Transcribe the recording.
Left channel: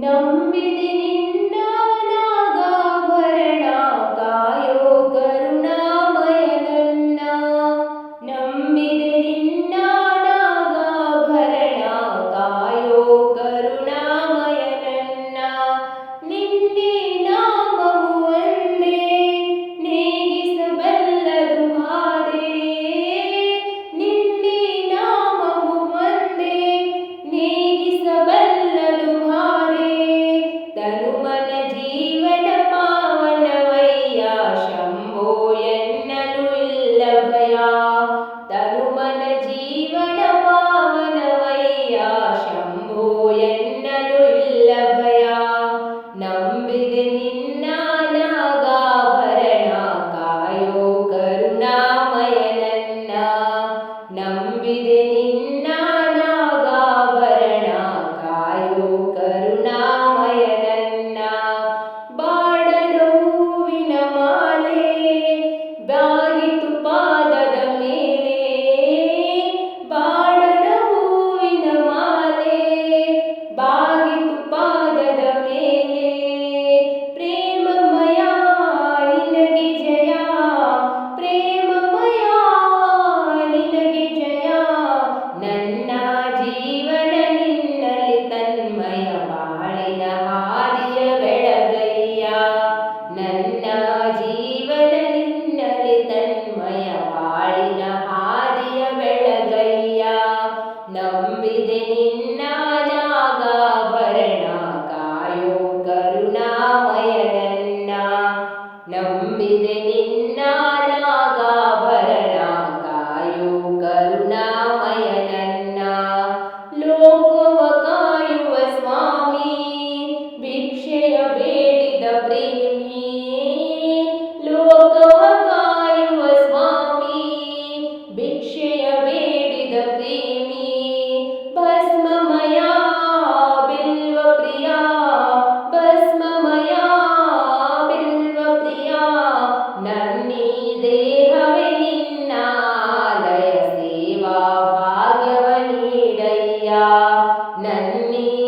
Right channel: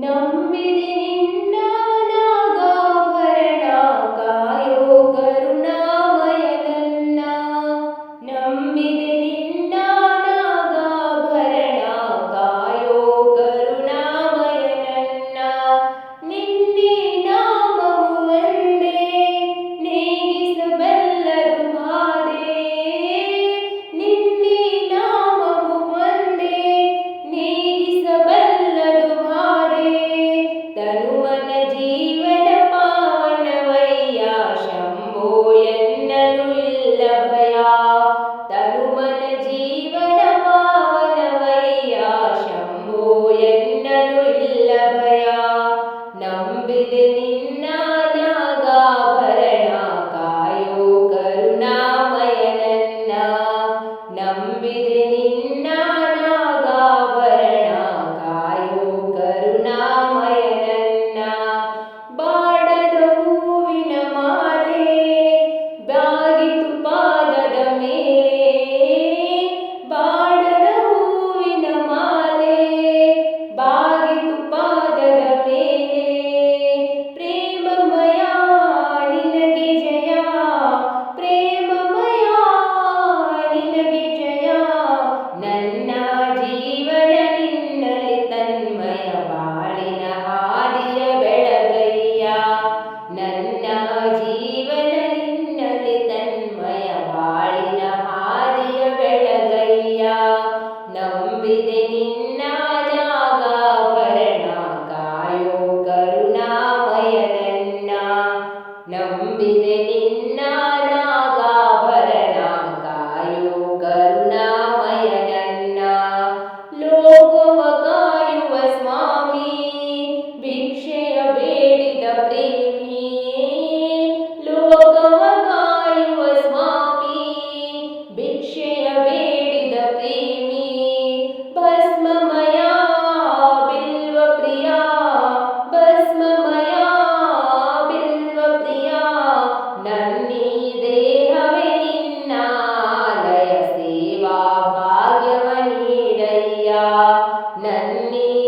ನಂಬಿದೆ ನಿನ್ನ ನಾಗಾಭರಣ ಕಾಯೋ ಕರುಣಾಮಯ ನನ್ನ. ನಂಬಿದೆ ನಿನ್ನ ನಾಗಾಭರಣ ಕಾಯೋ ಕರುಣಾಮಯ ನನ್ನ. ನಿನ್ನೆ ನಾಮವು ಒಂದೇ ನೇಗಿಸಬಲ್ಲದು ಬಾಧೆ. ನಿನ್ನೆ ನಾಮವು ಒಂದೇ ನೇಗಿಸಬಲ್ಲದು ಬಾಧೆ. ತನುಮನ ಜೀವನ ಪಾವನವಯ್ಯ ಶಂಭೋ ಎನ್ನಲು ಇಲ್ಲ ಭಯ. ತನುಮನ ಜೀವನ ಪಾವನವಯ್ಯ ಶಂಭೋ ಎನ್ನಲು ಇಲ್ಲ ಭಯ. ನಂಬಿದೆ ನಿನ್ನ ನಾಗಾಭರಣ ಕಾಯೋ ಕರುಣಾಮಯ ನನ್ನ. ನಂಬಿದೆ ನಿನ್ನ ನಾಗಾಭರಣ ಕಾಯೋ ಕರುಣಾಮಯ ನನ್ನ. ಬಾಡದ ಹೂವಿನ ಮಾಲೆ ಬಾಗಿತು ಪಾದದ ಮೇಲೆ. ಬಾಡದ ಹೂವಿನ ಮಾಲೆ ಬಾಗಿತು ಪಾದದ ಮೇಲೆ. ಪ್ರೇಮಮಯ ನಿನಗೆ ಜಯ. ಪ್ರೇಮಮಯ ನಿನಗೆ ಜಯ. ನನ್ನ ಜೀವನ ನಿನ್ನಲ್ಲಿ ತನ್ಮಯ ಬಾಳಿನ ಹಾದಿಯ ಬೆಳಗಯ್ಯ. ನನ್ನ ಜೀವನ ನಿನ್ನಲ್ಲಿ ತನ್ಮಯ ಬಾಳಿನ ಹಾದಿಯ ಬೆಳಗಯ್ಯ. ನಂಬಿದೆ ನಿನ್ನ ನಾಗಾಭರಣ ಕಾಯೋ ಕರುಣಾಮಯ ನನ್ನ. ನಂಬಿದೆ ನಿನ್ನ ನಾಗಾಭರಣ ಕಾಯೋ ಕರುಣಾಮಯ ನನ್ನ. ಲೋಕವ ಕಾಯುವ ಸ್ವಾಮಿ ಭಿಕ್ಷೆಯ ಬೇಡಿದ ಪ್ರೇಮಿ. ಲೋಕವ ಕಾಯುವ ಸ್ವಾಮಿ ಭಿಕ್ಷೆಯ ಬೇಡಿದ ಪ್ರೇಮಿ. ಭಸ್ಮಮಯ ಬಿಲ್ವ ಪ್ರಿಯ. ಭಸ್ಮಮಯ ಬಿಲ್ವ ಪ್ರಿಯ. ನನ್ನೀ ದೇಹವೇ ನಿನ್ನ ಆಲಯ ಸೇವಾ ಭಾಗ್ಯವ ನೀಡಯ್ಯ. ನನ್ನೀ